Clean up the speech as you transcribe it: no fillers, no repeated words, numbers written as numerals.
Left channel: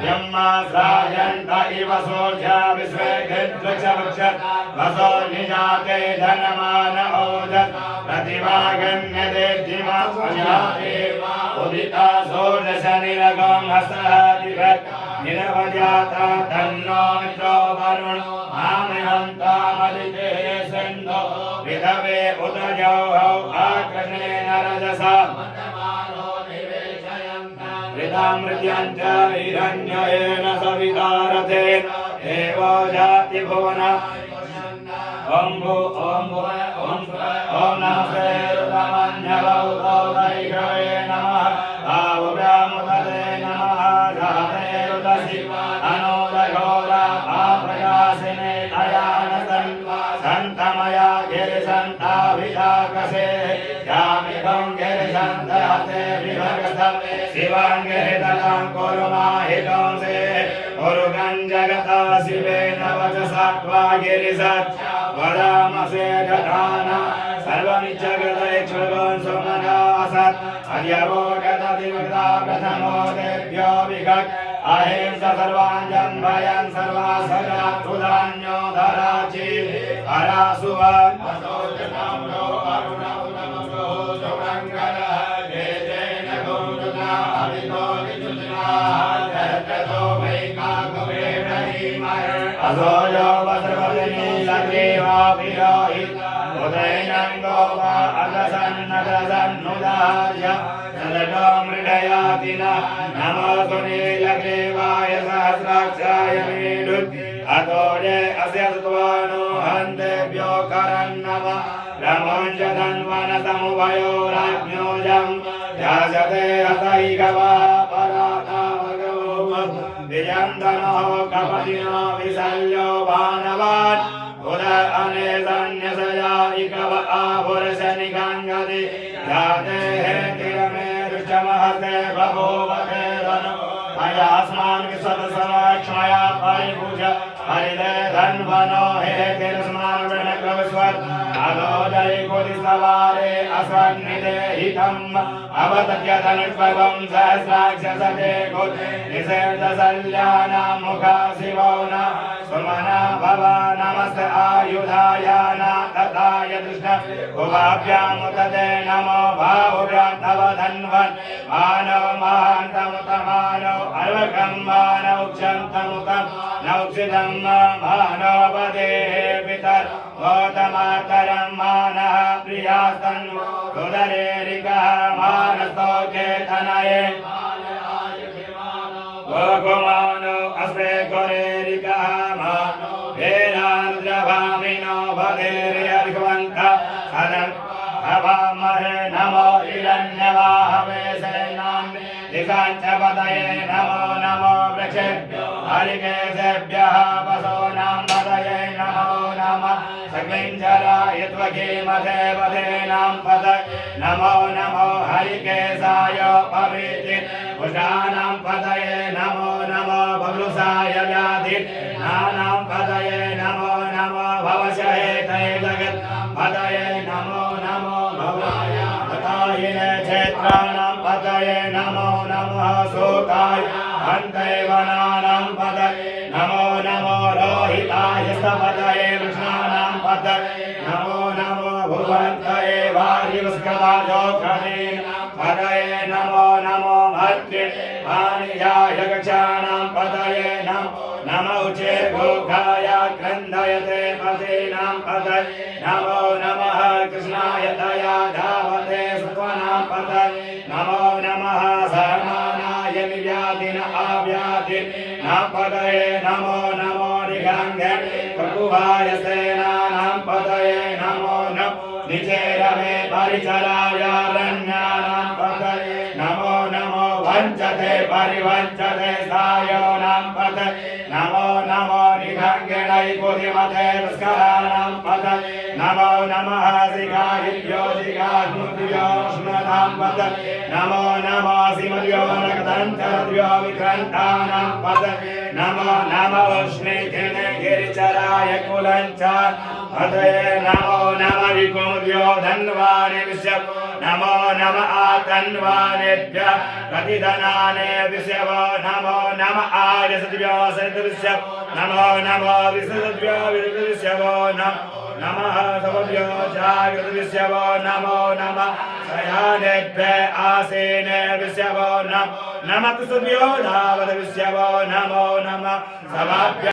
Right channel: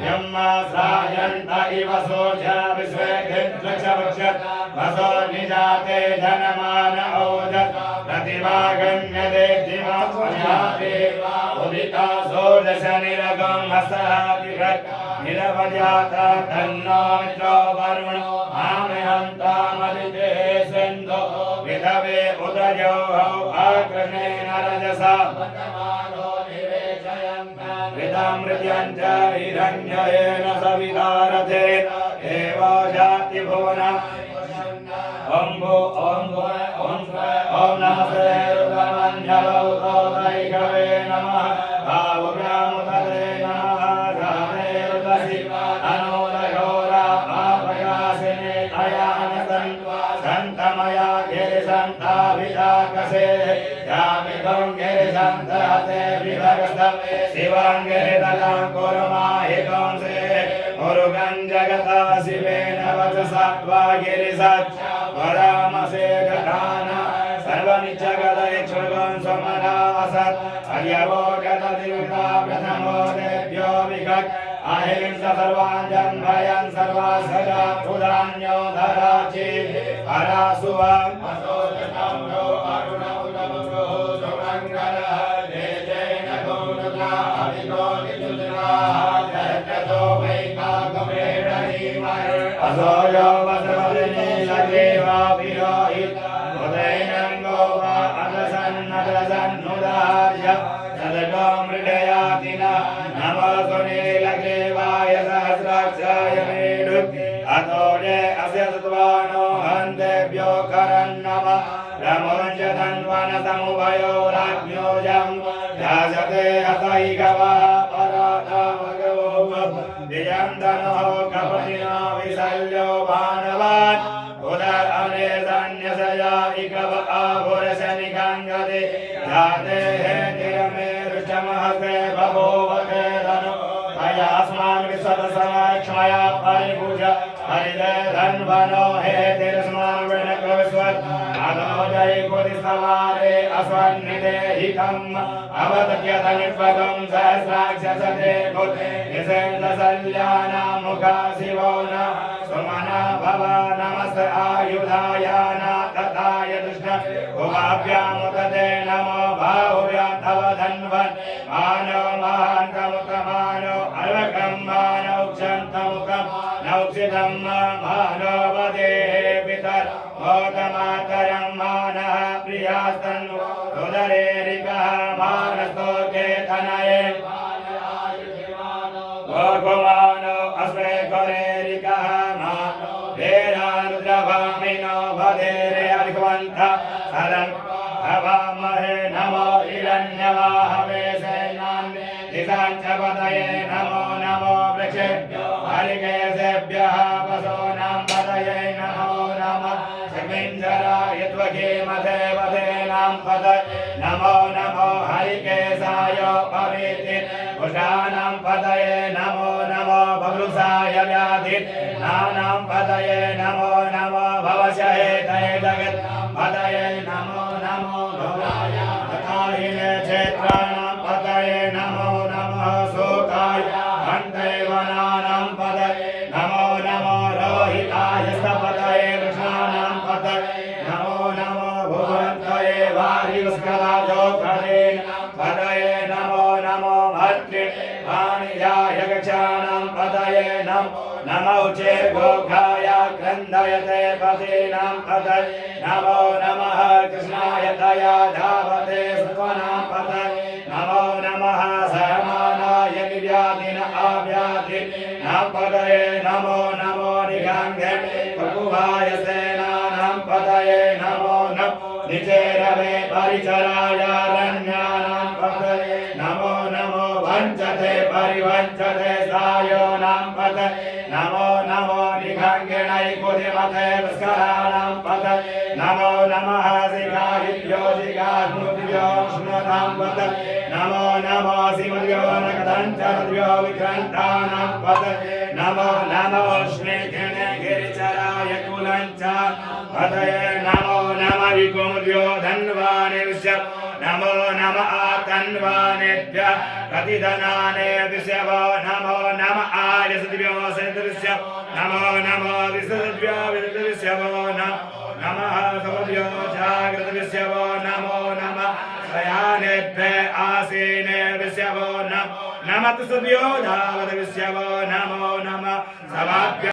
ब्रह्माश्रायन्त इव सोऽध्या विश्वेद्विद्वक्षवक्षत् वसो निजाते धनमान ओदत् प्रतिभागन्यते दिवास्वजाते उदिता षोडश निरगं हस्तहातिभत् निरवजाता तन्नो मित्रो वरुणो मामहं तामदिते सिन्धो विधवे उदयो आक्रमेण रजसा मृत्यंच हिरण्येन सवितारते एवो जाति भुवन ओम भो ओम भो ओम नमस्ते रुद्रमन्यलो भैरवे नमः भावुरामुदते नमः राधे रुदसि अनोदघोरा आप्रकाशिने अयानसं सन्तमया गिरिसन्ताभिधाकसे यामिदं गिरिसन्तहते विभगस्त शिवांगेतनां कुरुमाहितं से मुरुगं जगता शिवेन वचसा त्वागिरिसत् वरामसे दधाना सर्वमिच्छगदैक्षुगं समनासत् अयवो गतदिवृता प्रथमो देभ्यो विगत् अहिंसा सर्वाञ्जं भयं सर्वासजा तुदान्यो धराचि हरासुवान् असोचनं नो अरुणमुदमुदो सुमङ्गलः जय जय नगो मृगा अभितो निजुजना जयतो वैकागमेण हीमर् असोयो वस्रोजनी लग्रेवाभिरोहित उदयनं गोवा अदसन्नदसन्नुदार्य सदतो मृडयातिना नमो सुनीलग्रीवाय सहस्राक्षाय मीडुत् अतो ये अस्य सत्वानो हन्तेभ्यो करन्नम ब्रह्मञ्च धन्वनसमुभयो राज्ञोजं ध्यासते हतैकवा पराधमगो विजं धनोः कपतिनो विशल्यो भानवान् उद अनेसन्यसया इकव आभुरशनिकाङ्गति जाते हेतिरमे ऋषमहते बभूवते वनो अयास्मान् विश्वसमक्षमया परिभुज हरिदे धन्वनो हेतिरस्मान् वृणकस्वत् अनोदय कुरिसवारे असन्निधे हितम् अवतत्यतनुत्पदं सहस्राक्षसते कुते निषेधसल्याना मुखा शिवो न सुमना भव नमस्त आयुधायाना तथाय दुष्ण उभाभ्यामुदते नमो बाहुभ्यां तव धन्वन् मानव महान्तमुतमानो अर्वकं मानव क्षन्तमुतं नौक्षितं मानवदेः पितर् गौतमातरं मानः प्रियास्तन्नु रुदरेरिकः मानस्तोके तनये गोकुमानो अस्मे गोरेरिकः मानो वेदानुजभामिनो भदेरे अर्घवन्त सदं भवामहे नमो हिरण्यवाहवे सेनां दिशाञ्च पतये नमो नमो वृक्षेभ्यो हरिकेशेभ्यः पशूनां पतये नमो नमः सकिञ्जराय त्वकीमदेवदेनां पतये नमो नमो हरिकेशाय पवित्रे कुशानां पतये नमो नमो भवृषाय व्याधिनानां पतये नमो नमो भवशहेतये जगत् पतये नमो नमो भवाय तथाहिने क्षेत्राणां पतये नमो नमः शोकाय हन्ते वनानां पतये नमो नमो रोहिताय पतये वृषाणां पतये नमो नमो भुवन्तये वारिवस्कराजोखलेन पतये नमो नमो भद्रे वाणिजाय गक्षाणां पतये नमो नमो चेर्घोघाय क्रन्दयते पतीनां पतये नमो नमः कृष्णाय दया धावते सुत्वनां पतये नमो नमः सहमानाय निर्व्याधिन अव्याधिनां पतये नमो नमो निगन्धे प्रभुवाय सेनानां पतये नमो नमो निचेरवे परिचराय रण्यानां पतये नमो नमो वञ्चते परिवञ्चते सायोनां पतये नमो नमो निगङ्गिणै पुरिमते पुष्कराणां पतये नमो नमः शिखाहिभ्यो शिखाग्मुभ्यो स्मृतां पतये नमो नमो शिवभ्यो नक्तञ्चरभ्यो विक्रन्तानां पतये नमो नमो श्रीघ्ने गिरिचराय कुलञ्च पतये नमो नमः विकुर्यो धन्वाने विश्व नमो नमः आकन्वानेभ्यः प्रतिधनाने विश्व नमो नमः आयसद्भ्यो सद्विश्व नमो नमः विसद्भ्यो विसद्विश्व नमः सभ्यो जागृत विश्व नमो नमः शयानेभ्यः आसीने विश्व नमः तुभ्यो धावत विश्व नमो नमः समाभ्य